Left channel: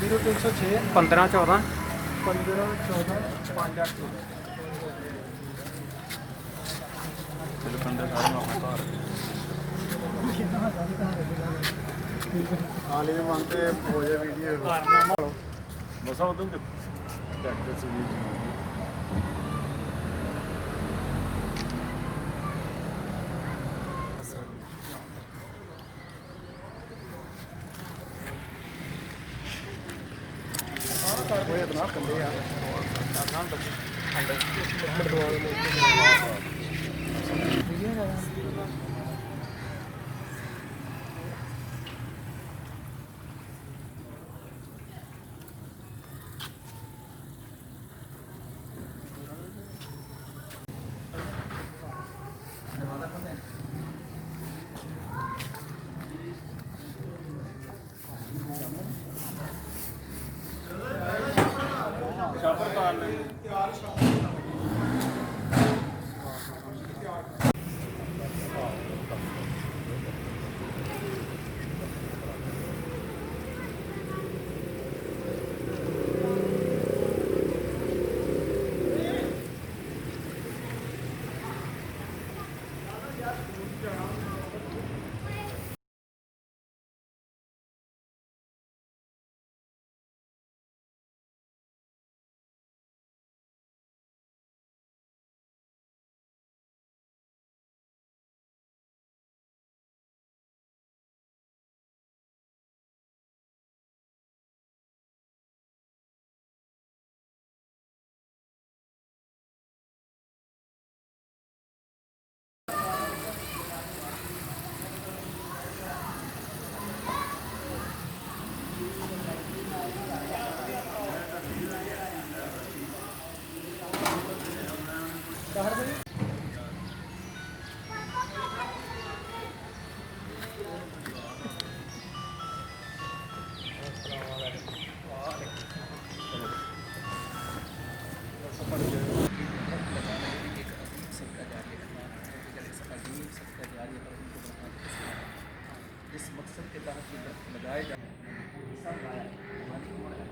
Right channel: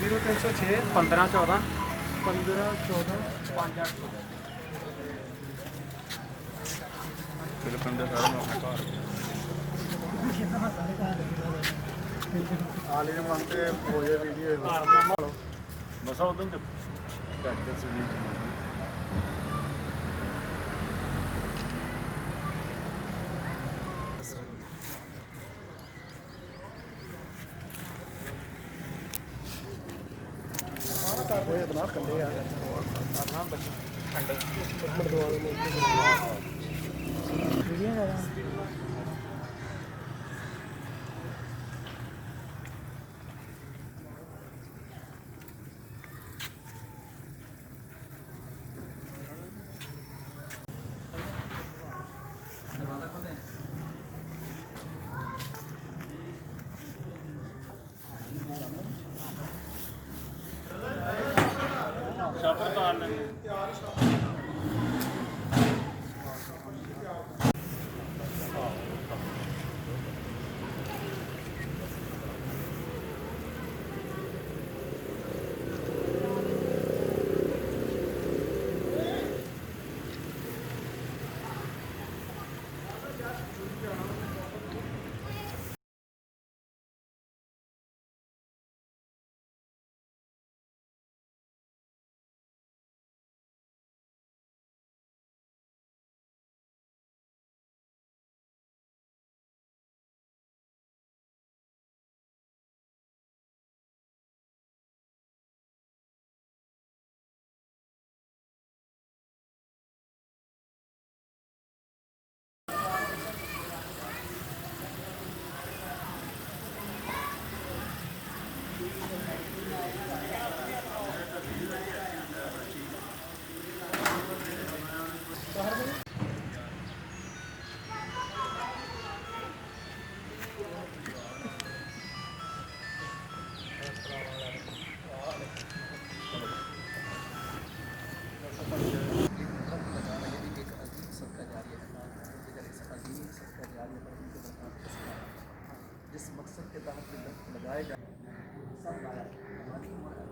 zero 306 15 14 15 14 5 8 ਹਾਲੇ ਨੂੰ ਮੰਗਦੇ ਹੋ ਜਾ ਵੀਡੀਓ ਬਸ ਉਦੋਂ ਤੇ ਡਾਕਟਰ ਸੀ ਕਰਦੇ ਬਣਾ ਕੰਦੇ ਆ ਕਰਨਾ ਬੱਚੇ ਮਰਦਵਾਲ ਸ਼ਾਪਰ ਪਾ ਲੈਂਦੇ जिस मकसद के तहत लगाए जा सब लाया हमारी उम्र है